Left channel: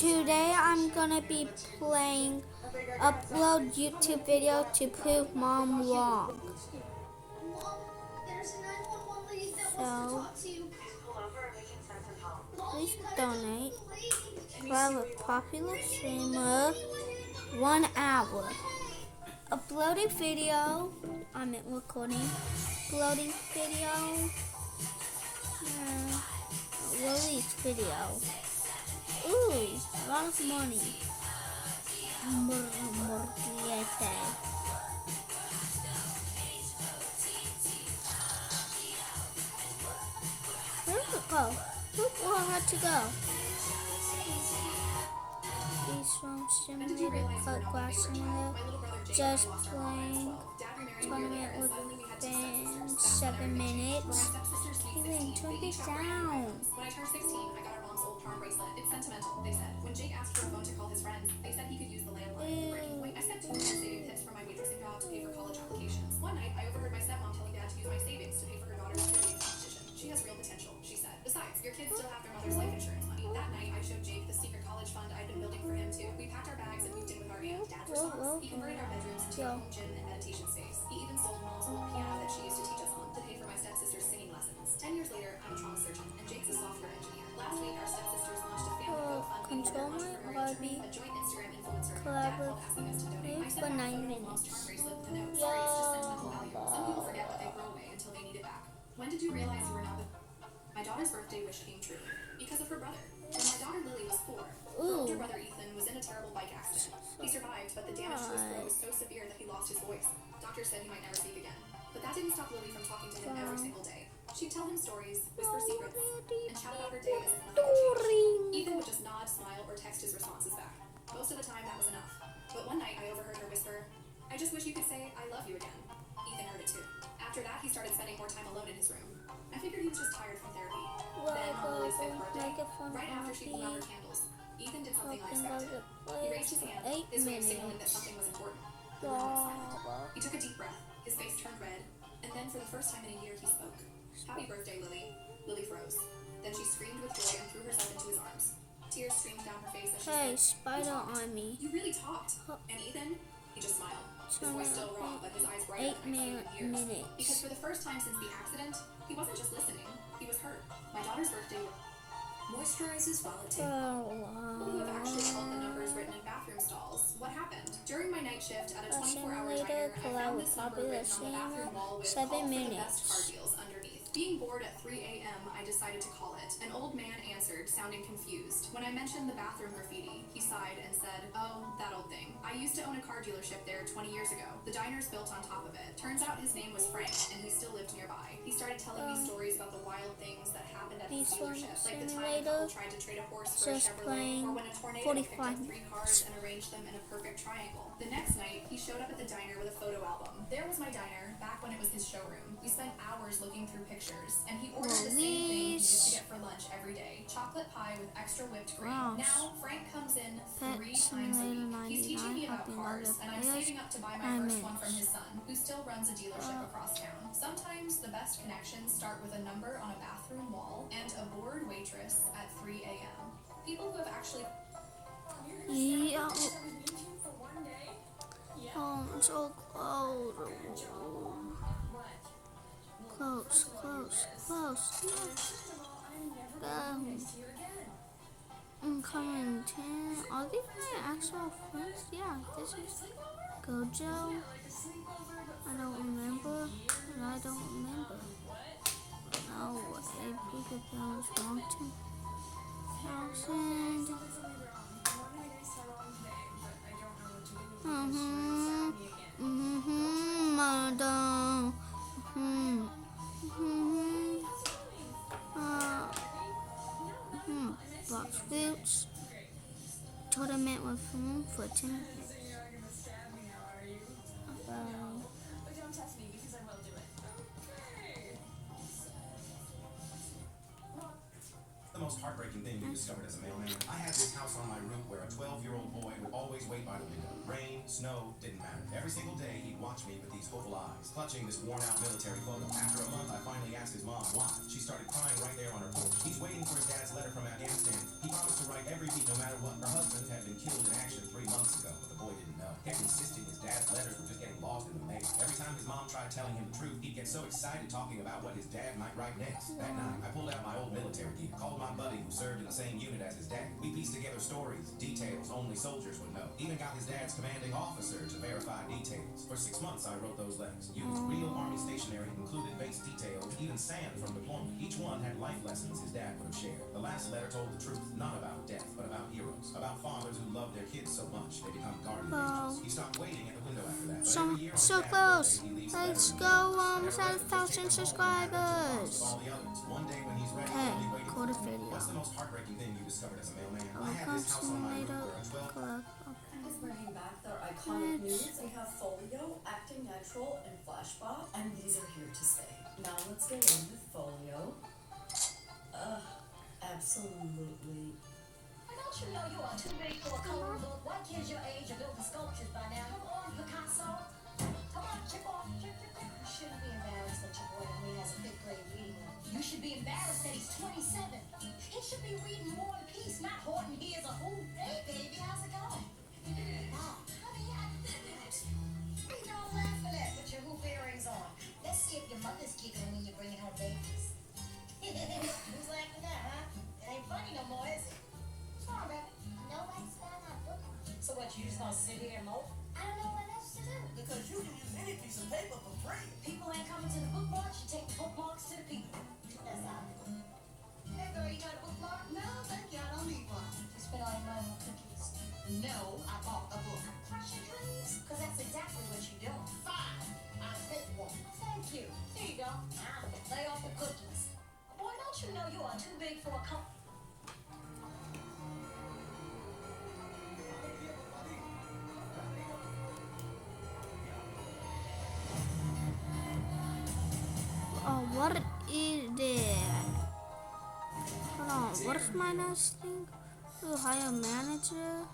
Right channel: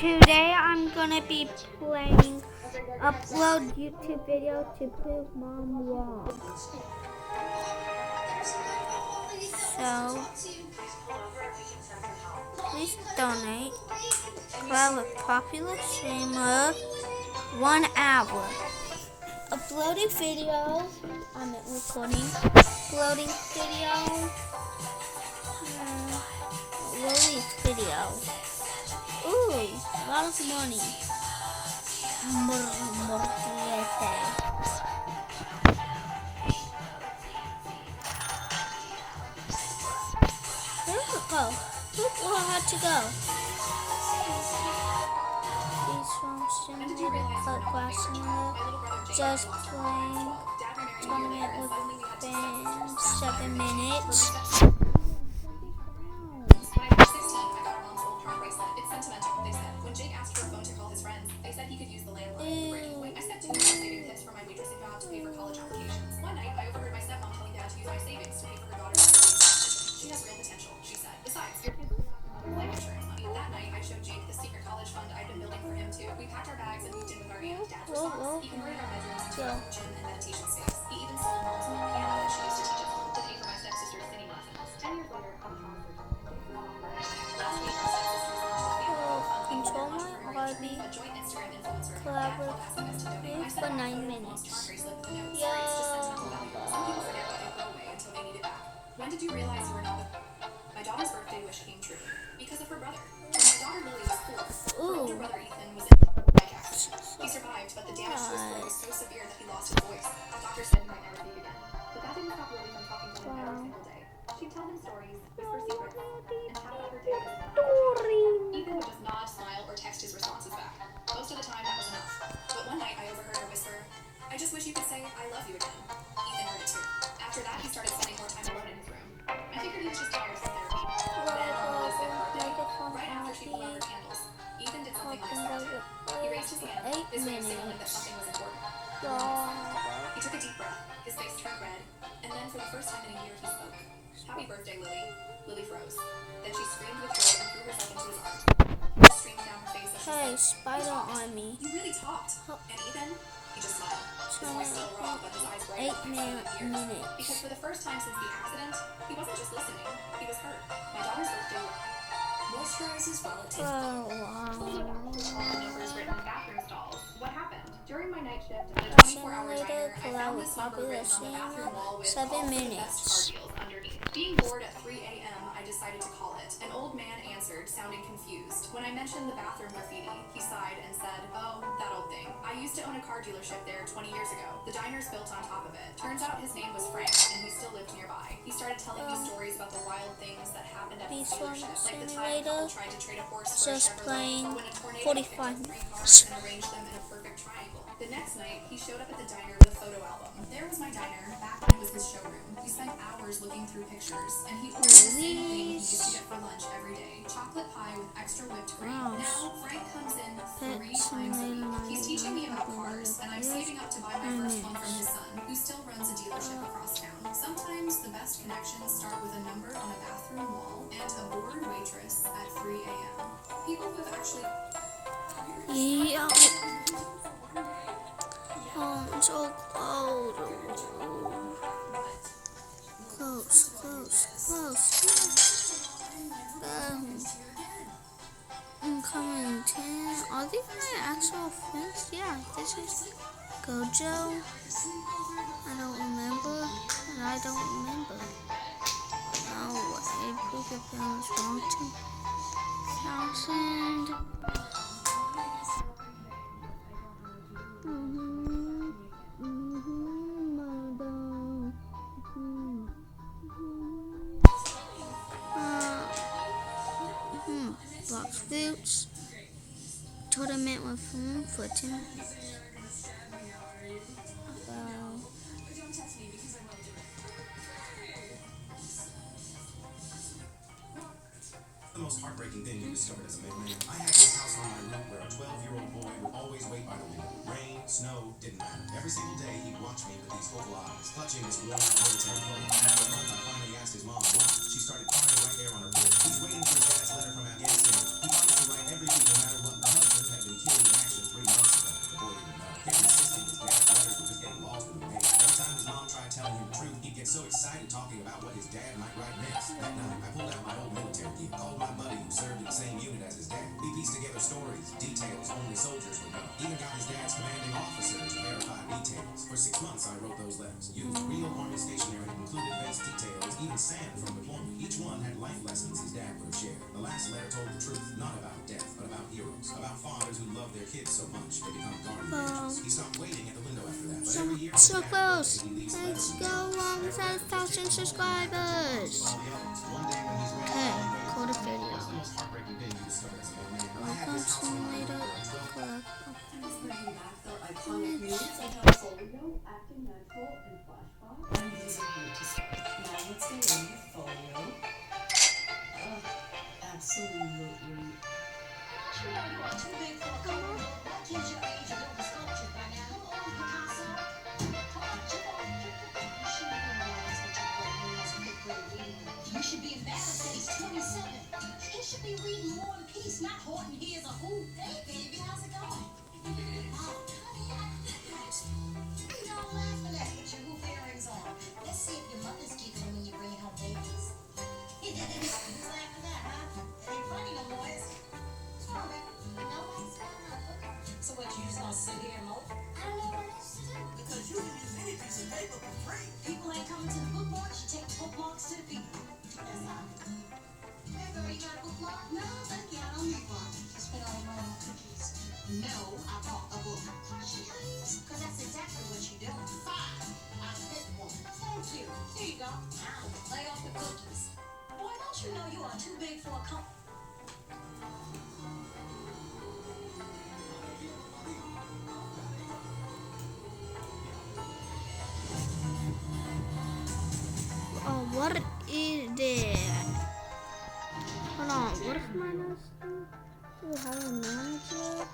Today I'm gonna be playing upload YouTube video to prove Mom wrong. So please donate. Well, a popular streamer 1 hour. Uploading video. I'm recording. Uploading video. Release video. Ooh, a lot of money. Where did it go? Who had to go? These from simulated cut glass simulator. Just playing tournament with fans. 7 minutes. Turn it down. It's sentimental, they said. When Jake asked for a phone to call his friends, they said he could use the landline. I spent 2 months saving tips for my waitressing job to pay for college applications. One night, I overheard my stepmom telling Dad to use my savings to pay for her daughter's tuition. She has real potential, she said. Besides, your kids still have their mother's life insurance money. That night, I showed Jake the secret college fund I'd been building for him too. We packed our bags and moved in with our aunt. Dad's response, he converted our bedrooms into a gym and meditation space. He even sold Mom's old piano that she used to teach us on to pay for my stepsister's singing lessons. 10 years later, I'm a trauma surgeon, and Jake's a software engineer. Last week, our stepsister Control my RB collaborative for 9 minutes. When did you realize you were not with my daughter's birthday wish came true? Because of her brother. When my daughter Lily was 4, her older brother Ethan was in a terrible bike accident. He survived, but the damage to his throat was so severe that he lost his voice. Doctors said he might never speak again. But that didn't stop Lily from talking to him every single day. She'd tell him stories, whisper secrets, and chat about her days. Ethan would just nod, smile, or text his responses back. Most of the time, that was enough. But one night, I overheard her whisper, "I just wish you could say, I love you again." Ethan heard it too. After that, he started spending more time alone in his room. I figured he was just tired from therapy. Then, on Lily's 5th birthday, right after she blew out her candles, Ethan did something unexpected. He raised his hand, his way of signaling that something was important. He took a deep breath, his face turned red, and then for the first time in a year, he spoke. "Happy birthday, Lily." Lily froze. Then she screamed with joy and threw herself into his arms. Tears streamed down her face as she Hey, said, Spider Army. "You really talked." And Ethan, he just smiled. His voice still raw, but his eyes bright 8 minutes. Because for the first time since the accident, he wasn't just listening, he was hurt. My daughter's birthday moisturizes while it takes People have actually called the numbers written in bathroom stalls. What happened? During my night shift at a 24-hour diner, I found this number written on the bathroom wall with 7 all the best minutes. car deals underneath. Being bored at 3 a.m., I decided to call it. An old man answered, sounding confused. When I mentioned the bathroom graffiti, he sighed and said, "Oh, that old thing. I used to own a car dealership there 20 years ago. The diner's built on top of it. Turns out his name was Frank, and he still lived nearby. He started telling me stories about the wild things that happened at the dealership, like the time a couple tried to trade a horse for a Just Chevrolet, playing or when a tornado 45 picked up 3 minutes. cars and arranged them in a perfect triangle. The next night, he showed up at the diner with a photo album. There was my diner, back when it was his showroom. We spent hours looking through pictures, and he ordered the same thing he used to get for lunch every day. Chocolate pie with extra whipped cream. Wow. Now, Frank comes in 3 Pet times a week. Simulator He's teaching me about 99, cars, and I'm saving up to buy my first one from his son, who still runs a dealership across town. Sometimes the best connections start with a number on a bathroom wall and a bored waitress at 3 a.m. People who have actually... Yeah. Oh, I'm so close. Close. I'm coming 10. Are these my actual friends? Yeah, this is Gojo. I don't remember. No way. Proof your parents wrong to 1,000. Madam. Box fruits. Tournament with food for 10. The most heartbreaking thing we discovered as a mailman. I had this house on my roof where a 12-year-old boy would always wait by the window. Rain, snow, didn't matter. Every single day he'd watch me with these hopeful eyes, clutching this worn-out military photo. After a month, I finally asked his mom why. She started crying right there on her porch. He's waiting for his dad's letter from Afghanistan. He promised to write every week no matter what. truth, not about death, but about heroes, about fathers who love their kids so much they become guardian Wow. angels. He stopped waiting at the window after that. But So, every year on so his dad's close. birthday, he leaves Let's letters and go notes. Never 1,000 subscribers. all the others. One day when he's ready, Okay, all he waited go to for video. was the most heartbreaking thing you discovered as a mailman. I I will had come this house on my later. roof where a 12 Collect. Just bringing back their iconic news and have folio, acting natural, and flashback. And these are here to stay. Now let's go in with folio. Absolutely. Don't you know you are too big for a coat? What kids your age are building sculptures by now? Come on, Picasso. Come on, chip off. You shouldn't be embarrassed that your boy Moon has a fifth grade reading. You should be embarrassed that he's 27. He should be reading War and Peace, not Horton Hears a Who. Hey, baby, how's it going? Mom, honey, don't laugh at that with your hoop earrings on. Let's see if your mother's giggling when you're bringing home babies. You laugh at that, huh? It ain't funny no more, is it? What's wrong, baby? Nobody's got a book. So what, you just gonna sit here and mope? I don't know what else to do. Because you can use any piece of paper for free. People ain't coming to the bookmark, you take the bookmarks to the people. That's all. Hey, girl, you got a bookmark? No, thank you, I don't need one. You spent all your money on cookies. No, I bought a book. Question, please? Because that's exactly what you're doing. Fine, I'll take one. Thank you. Here you go. Now, lay off the cookies. Boy, don't you know you are too big for a company? Oh, what is that? Hold on, what is my next thing? To hire manager?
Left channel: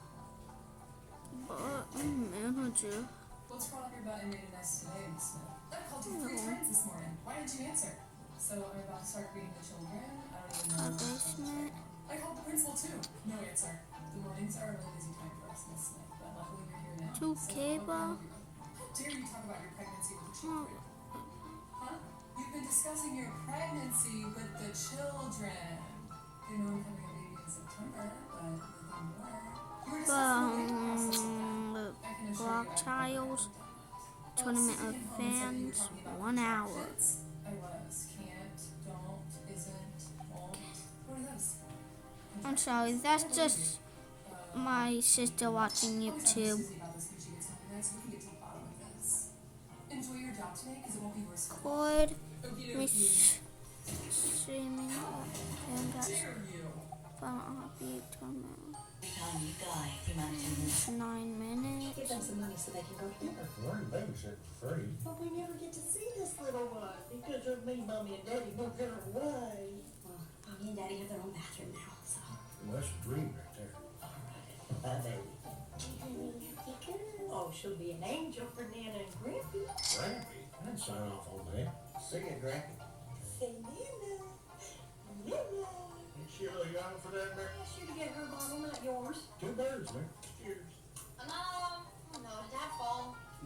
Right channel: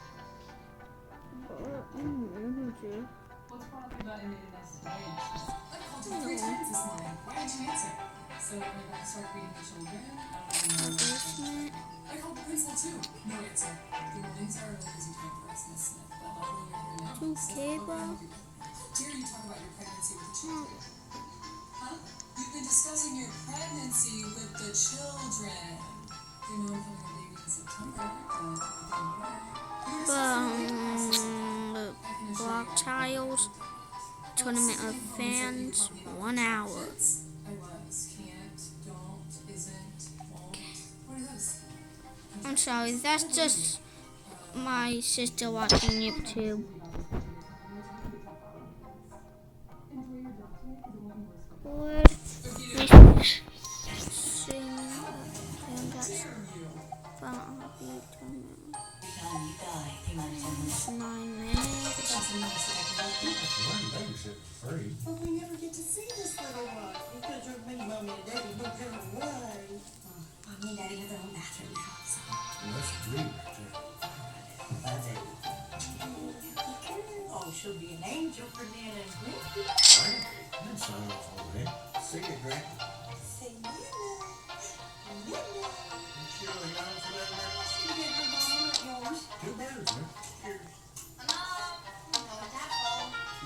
Manager. What's brought up about invading us today? I called you No. 3 times this morning. Why didn't you answer? So I'm about to start reading the children. I don't even know. Basement. I called the principal too. No answer. The mornings are a really busy time for us, Miss Smith. But luckily you're here now. Two So cable. how dare you talk about your pregnancy with the children? Huh? You've been discussing your pregnancy with the children. You know I'm having a baby in September, but it didn't work. You're discussing the process. I can assure Block you I- tiles. Tournament of fans. 1 hour. I was, can't, don't, isn't, won't. What are those? I'm sorry, that's just my sister watching YouTube. Enjoy your job today, because it won't be worse. Good. If you Missing. And that's Bobby tournament. 9 minutes. Learn babysit for free. But we never get to see this little one because your me, mommy, and daddy moved her away. Mommy and Daddy have their own bathroom now, so. That's dream right there. Oh, she'll be an angel for Nana and Grandpa. Right? That's sign off on that. See you, Grant. Say Nana. Nana. You sure you're young for that, man? You get her mama, not yours. Two birds, man. Cheers.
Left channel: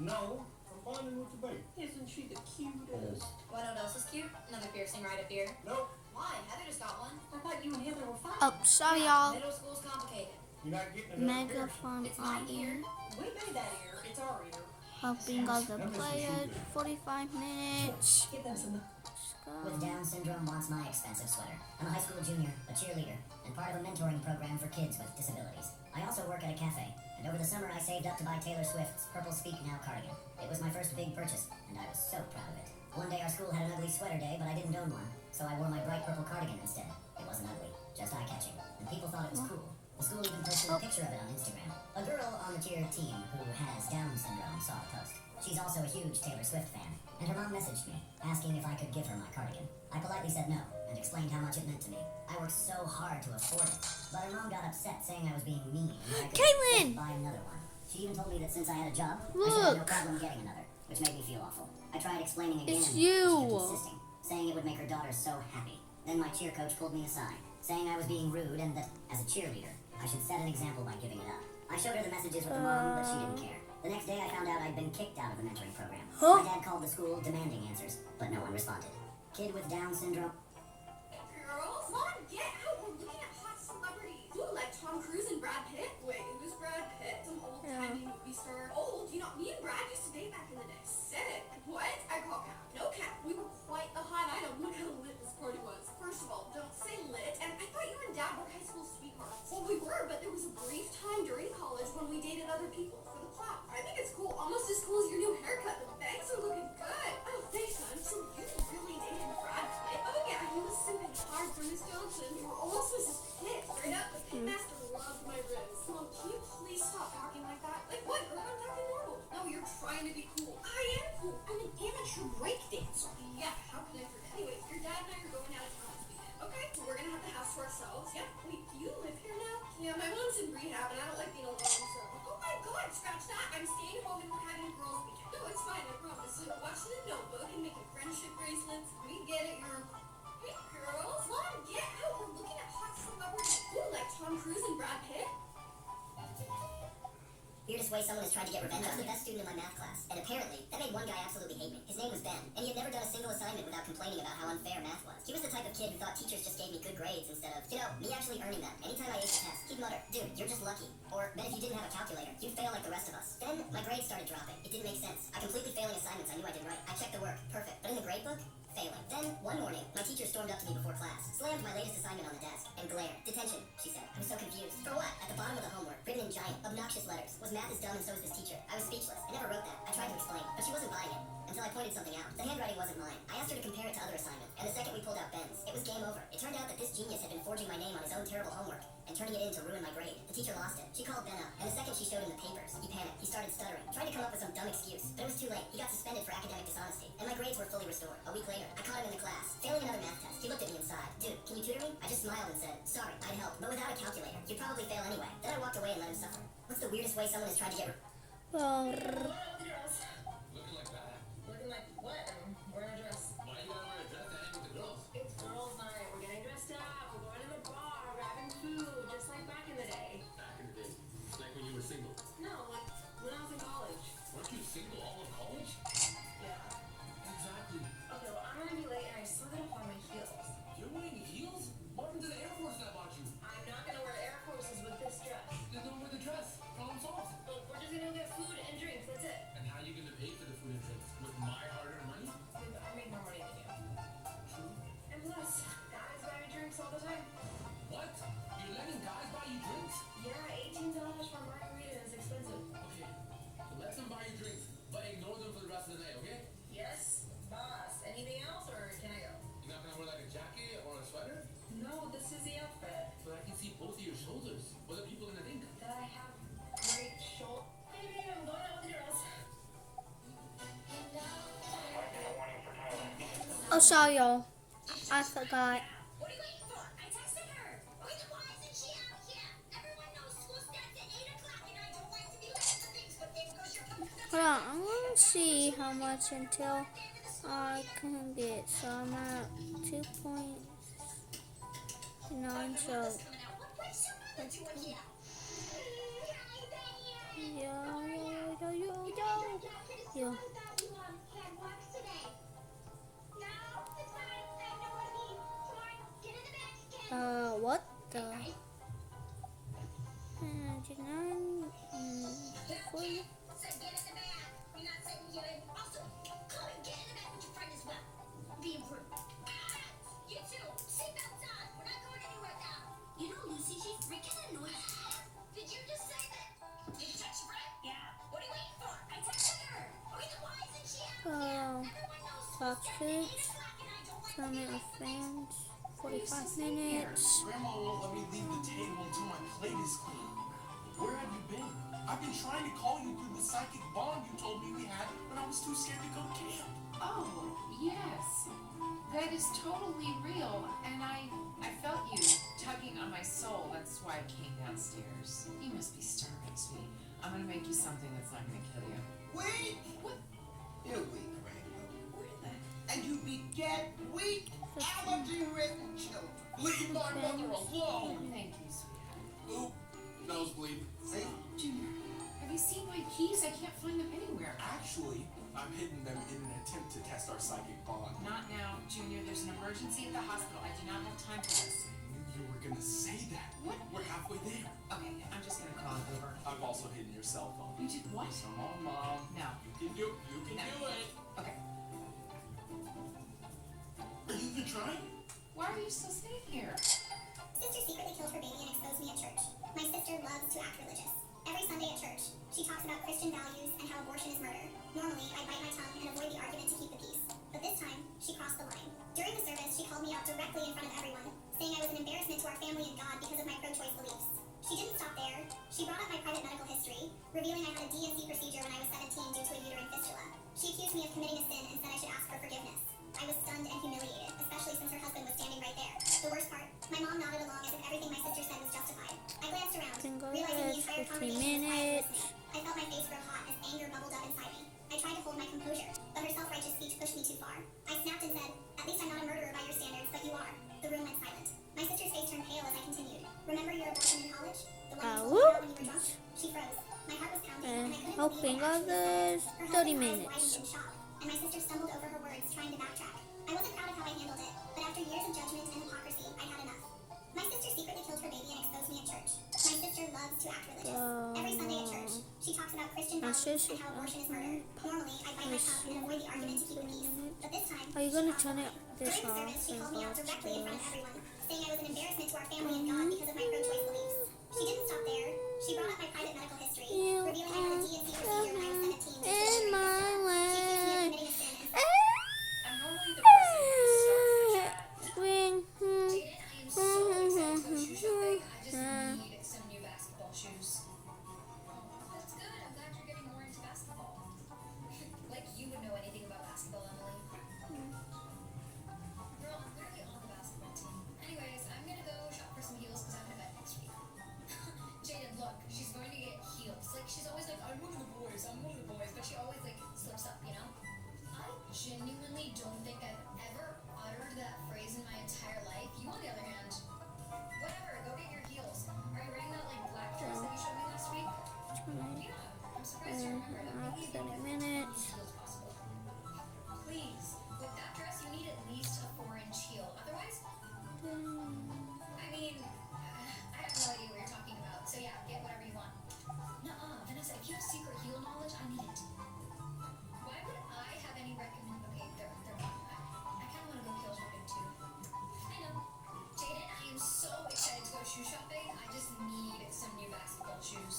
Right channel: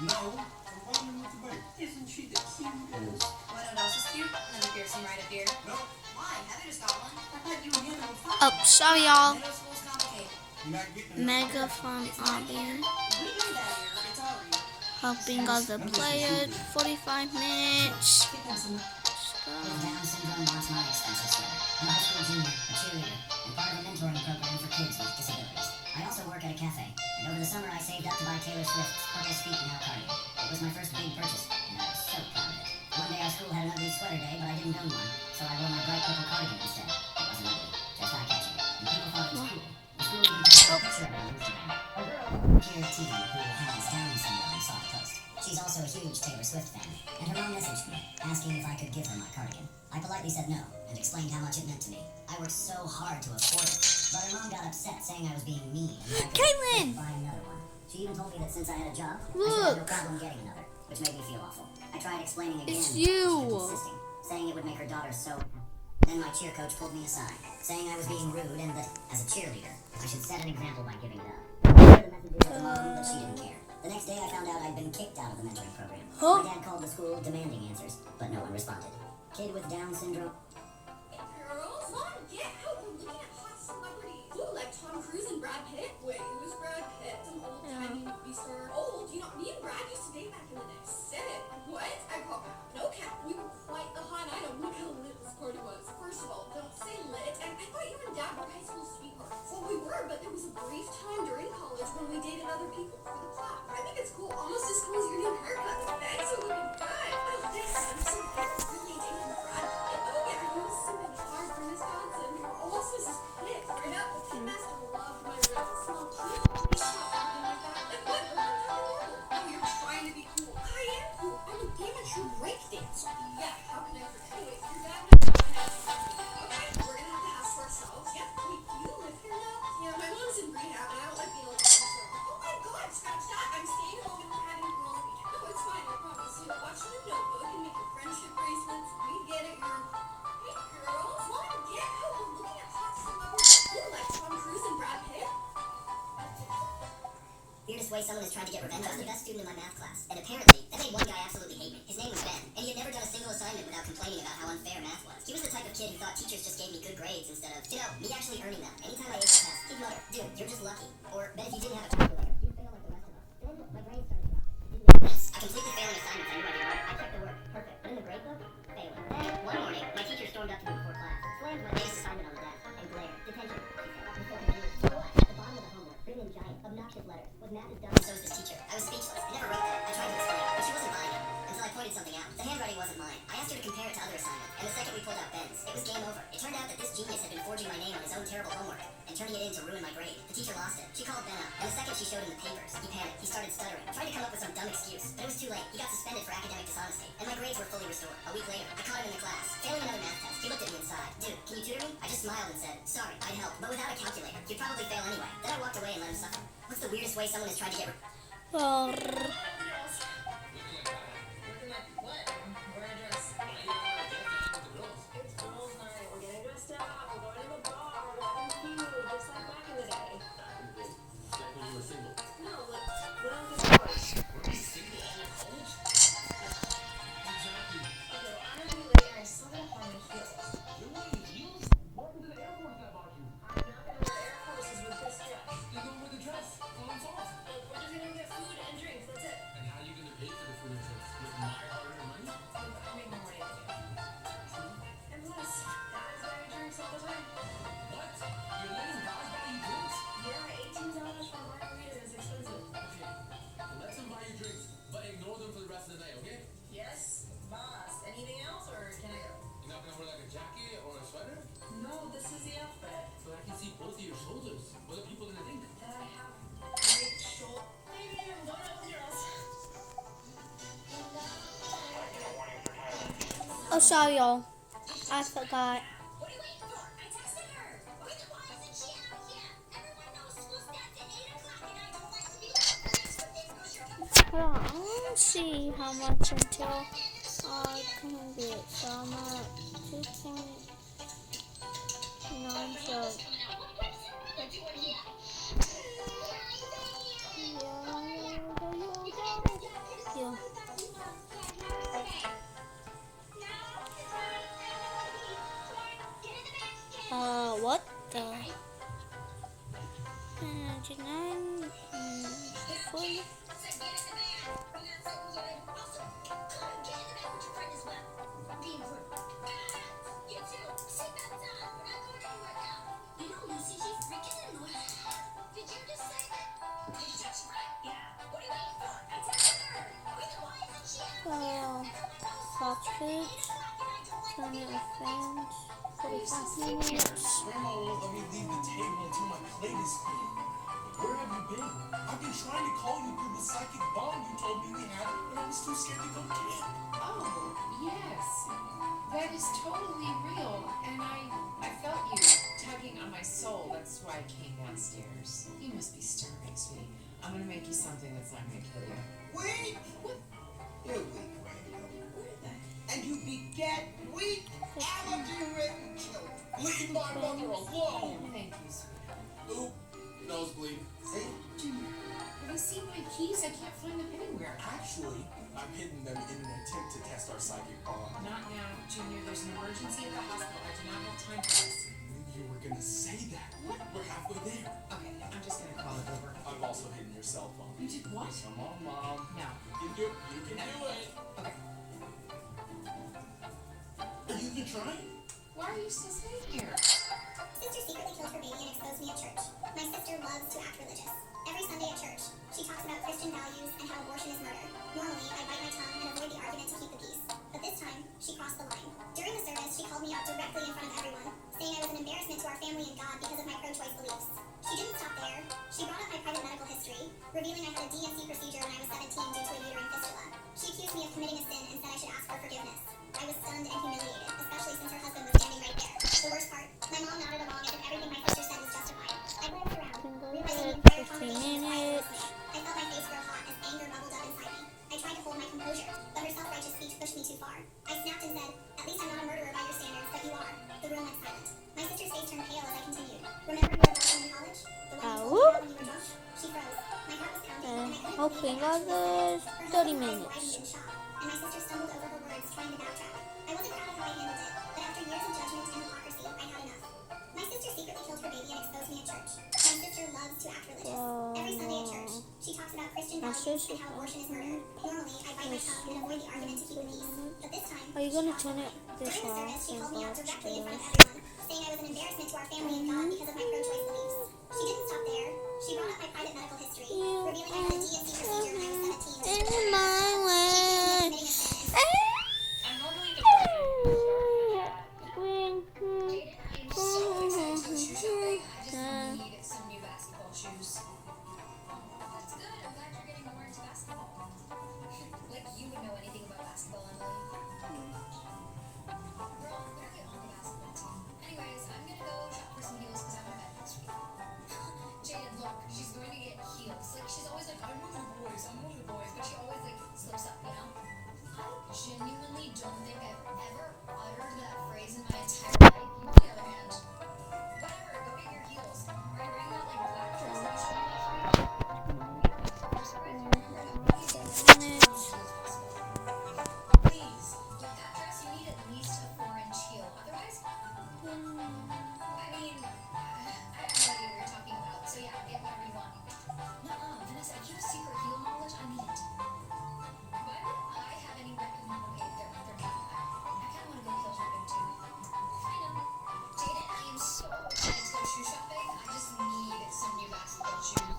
No, I'm bonding with the baby. Isn't she the cutest? What else is cute? Another piercing right up here. Nope. Why? Heather just got one. I thought you and Hannah were fine. Oh, sorry y'all. Middle school's complicated. You're not getting enough. Mega fun Abby. We do that here. It's our year. Helping other players. 45 minutes. Pick up some. With Down syndrome wants my expensive sweater. I'm a high school junior, a cheerleader, and part of a mentoring program for kids with disabilities. I also work at a cafe, and over the summer I saved up to buy Taylor Swift's Purple Speak Now cardigan. It was my first big purchase, and I was so proud of it. One day our school had an ugly sweater day, but I didn't own one, so I wore my bright purple cardigan instead. It wasn't ugly, just eye-catching, and people thought it was cool. The school even posted a picture of it on Instagram. A girl on Gear Team who has Down syndrome saw the post. She's also a huge Taylor Swift fan, and her mom messaged me, asking if I could give her my cardigan. I politely said no, and explained how much it meant to me. I worked so hard to afford it, but her mom got upset saying I was being mean, and I could Caitlin! buy another one. She even told me that since I had a job, I should have no Look. problem getting another, which made me feel awful. I tried explaining again, It's and you. she kept insisting, saying it would make her daughter so happy. Then my cheer coach pulled me aside, saying I was being rude and that, as a cheerleader, I should set an example by giving it up. I showed her the messages of the mom, but she didn't care. The next day I found out I'd been kicked out of the mentoring program. Huh? My dad called the school demanding answers, but no one responded. Kid with Down syndrome. Girls, come on, get out. We're looking at hot celebrities. Ooh, like Tom Cruise and Brad Pitt. Wait, who's Brad Pitt? Some old-timey movie star. Old? You know, me and Brad used to date back in the day. Sick. What? I call cap. No cap. We were quite a hot item. Look how lit this party was. First of all, don't say lit. And I thought you and Dad were high school watch that. I'm staying home and we're having a girls' week. No, it's fine, I promise. You know, watching the Notebook and making friendship bracelets. We get it, you're... Hey, girls, let him get out. We're looking at hot celebrities. Ooh, like Tom Cruise and Brad Pitt. Weirdest way someone has tried to get revenge. I was the best student in my math class, and apparently, that made one guy absolutely hate me. His name was Ben, and he had never done a single assignment without complaining about how unfair math was. He was the type of kid who thought teachers just gave me good grades instead of, me actually earning them. Anytime I aced a test, he'd mutter, dude, you're just lucky. Or, bet if you didn't have a calculator, you'd fail like the rest of us. Then, my grades started dropping. It didn't make sense. I completely failing assignments I knew I did right. I checked the work, perfect. But in the grade book, failing. Then, one morning, my teacher stormed up to me before class, slammed my latest assignment on the desk, and glared. Detention, she said. I was so confused. For what? At the bottom of the homework, written in giant, obnoxious letters, was math is dumb and so is this teacher. I was speechless. I never wrote that. I tried to explain, but she wasn't buying it. Until I pointed something out. The handwriting wasn't mine. I asked her to compare it to other assignments, and the second we pulled out Ben's, it was game over. It turned out that this genius had been forging my name on his own terrible homework and turning it in to ruin my grade. The teacher lost it. She called Ben up, and the second she showed him the papers, he panicked. He started stuttering, tried to come up with some dumb excuse, but it was too late. He got suspended for academic dishonesty, and my grades were fully restored. A week later, I caught him in the class, failing another math test. He looked at me and sighed. Dude, can you tutor me? I just smiled and said, sorry, I'd help, but without a calculator, you'd probably fail anyway. Then I walked away and let him suffer. What's the weirdest way someone has tried to get Well, Looking like what? Wearing a dress. It's girls' night. We're getting dressed up. We're going to the bar. We're having food, just like back in the day. Like when you were single. No, like when I was in college. Were you single all in college? Exactly. Okay, well, I'm gonna be late and I still gotta find my heels. You're wearing heels? What happened to the Air Force that bought you? I'm not gonna wear Air Forces with this dress. Then don't wear the dress. Problem's solved. Look, we're just gonna get food and drinks. That's it. And how are you gonna pay for the food and drinks? With my hard-earned money? Look, I make more money than you. And plus, guys buy drinks all the time. What? You're letting guys buy you drinks? Yeah, $18 for a margarita is expensive. Okay. Well, let them buy you drinks, but ignore them for the rest of the night, okay? Yes, boss. Anything else, or can I go? You're not gonna wear like a jacket or a sweater? No, this is the outfit. But I can see both of your shoulders. What are people gonna think? That I have great shoulder. Baby, I'm going out with girls. oh, sorry, y'all. I forgot. What are you waiting for? I texted her. Why isn't she out here? Everyone knows school starts at 8 o'clock and I don't like to be late for things because you're Hold on, I'm gonna see how much until I can get. So I'm at 2.9. So yeah. What the? 99. 40. Fox Foods. Planet of Fans. 45 minutes. Grandma won't let me leave the table until my plate is clean. Where have you been? I've been trying to call you through the psychic bond you told me we had, but I was too scared to go camp. Oh, yes. That is totally real. And I felt you tugging on my soul. That's why I came downstairs. You must be starving, sweetie. I'm going to make you something that's not going to kill you. Weak? What? You're weak, Randall. And you beget weak, allergy-ridden children. Leave my mother alone! Thank you, sweetheart. Oop, nosebleed. See? Junior, have you seen my keys? I can't find them anywhere. Actually, I'm hiding them in an attempt to test our psychic bond. Not now, Junior. There's an emergency at the hospital. I do not have time for this. You were gonna say that. What? We're halfway there. Okay, I'm just going to call it over. I've also hidden your cell phone. You did what? Come on, Mom. No. You can do it. You can do it. Okay. Are you even trying? Why are you still staying here? Sister secretly killed her baby and exposed me at church. My sister loves to act religious. Every Sunday at church, she talks about Christian values and how abortion is murder. Normally, I bite my tongue and avoid the argument to keep the peace. But this time, she crossed the line. During the service, she called me out directly in front of everyone, saying I was an embarrassment to our family and God because of my pro-choice beliefs. She didn't stop there. She brought up my private medical history, revealing I had a DNC procedure when I was 17 due to a uterine fistula. She accused me of committing a sin and said I should ask for forgiveness. I was stunned and humiliated, especially since her husband was standing right there. The worst part, my mom nodded along as if everything my sister said was justified. I glanced around, Can go realizing the ahead, entire 15 congregation was quiet minutes. listening. I felt my face grow other 30 minutes. In shock, and my sister stumbled over her words, trying to backtrack. I wasn't proud of how I handled it, but after years of judgment and hypocrisy, I had enough. My sister secretly killed her baby and exposed me at church. My sister loves to act religious. Every Sunday at church, she talks about Christian values and how abortion is murder. Normally, I bite my tongue and avoid the argument to keep the peace. But this time, Are you gonna turn it this during the off service, she and called me go out directly in front of upstairs? everyone, saying I was an embarrassment to our family and God because of my pro-choice beliefs. She didn't stop there. She brought up my private medical history, revealing I had a D&C procedure when I was 17. In my way. I'm normally the person who starts Bring Jaden, I am so excited to go shoe shopping. I just need some new basketball shoes. That's good. I'm glad you're getting more into basketball. Like you would know anything about basketball, Emily. Girl, I'm barely on the basketball team. Anyways, I'm gonna go shop for some heels because I'm in bed next week. Jaden, look, she's going to get heels. Like she's always like, I'm one of the boys, but she always like slips up, you know? I genuinely don't think I've ever uttered that phrase in my entire life. You, on the other hand, whatever, go get your heels. Are you wearing that like black dress that you showed me last week? I'm surprised you remember that. Maybe you can wear as heels as possible. Please, with that dress, you need at least a 4-inch heel. Otherwise, I mean, I have no idea what you're talking about. So yeah, get whatever you want. Nuh-uh, Vanessa, if you have secret heel knowledge, I need it. Why would I have any okay, they're not. I kind of want to go heel shopping too. I know. Jaden, I am so excited to go shoe shopping. I just need some new basketball shoes.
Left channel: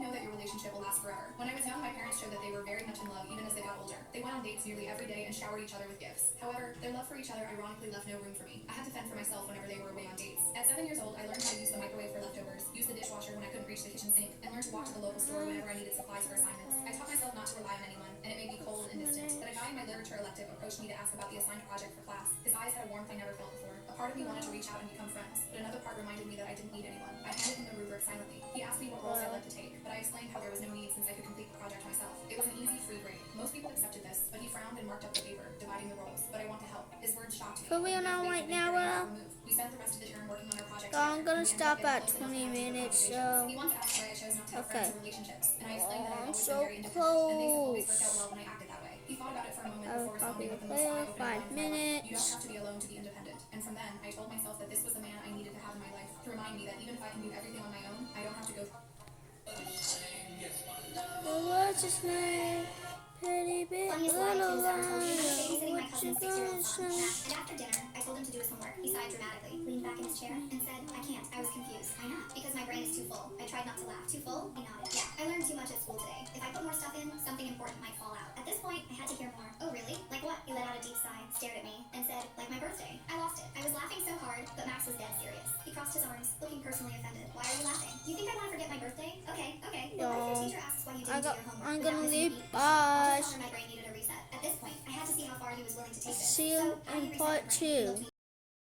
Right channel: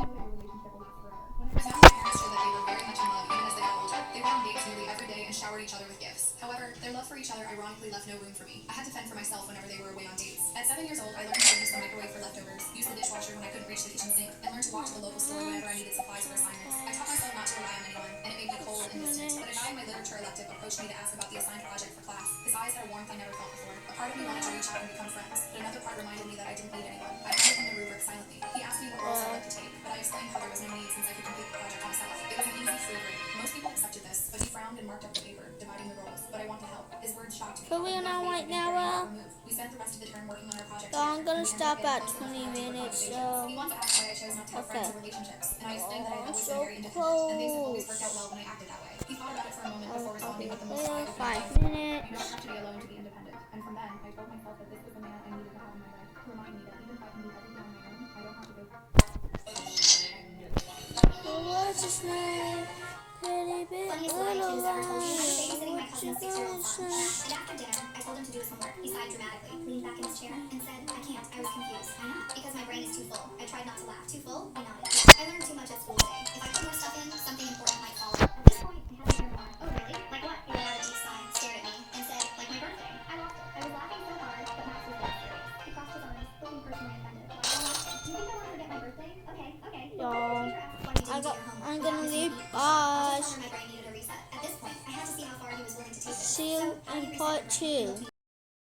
Know that your relationship will last forever. When I was young, my parents showed that they were very much in love, even as they got older. They went on dates nearly every day and showered each other with gifts. However, their love for each other ironically left no room for me. I had to fend for myself whenever they were away on dates. At 7 years old, I learned how to use the microwave for leftovers, use the dishwasher when I couldn't reach the kitchen sink, and learned to walk to the local store whenever I needed supplies for assignments. I taught myself not to rely on anyone, and it made me cold and distant. But a guy in my literature elective approached me to ask about the assigned project for class. His eyes had a warmth I never felt before. A part of me wanted to reach out and become friends, but another part reminded me that I didn't need anyone. I handed him the rubric silently. He asked me what roles I'd like to take, but I explained how there was no need since I could complete the project myself. It was an easy free break. Most people accepted this, but he frowned and marked up the paper, dividing the roles. But I want to help. His words shocked me. For real now, right now, We spent the rest of the term working on our project. I'm gonna stop at 20 minutes, so. He wanted to ask why I chose not to have Okay. friends or relationships, and I explained that I've always so been very independent, and things have always close. worked out well when I acted that way. He thought about it for a moment I'll before responding with the most there, eye-opening 5 line. minutes. You don't have to be alone to be independent. And from then, I told myself that this was the man I needed to have in my life, to remind me that even if I can do everything on my own, I don't have to go. What's his name? Pretty big Funniest little line he was lie. ever told me. I was babysitting my What you cousin's gonna 6-year-old son, say? and after dinner, I told him to do his homework. He sighed dramatically, leaned back in his chair, and said, I can't. I was confused. I know. Because my brain is too full. I tried not to laugh. Too full? He nodded. Yeah, I learned too much at school today. If I put more stuff in, something important might fall out. At this point, I had to hear more. Oh, really? Like what? He let out a deep sigh, stared at me, and said, like my birthday. I lost it. I was laughing so hard, but Max was dead serious. He crossed his arms, looking personally offended. Why are you laughing? Do you think I want to forget my birthday? Okay, okay. Well, what if the teacher asks why you didn't do your homework? I'm without gonna missing leave. a beat? I'll Bye. just tell her my brain needed a reset. At this point, I had to see how far he was willing to take this. See you So, I in reset part my brain. 2.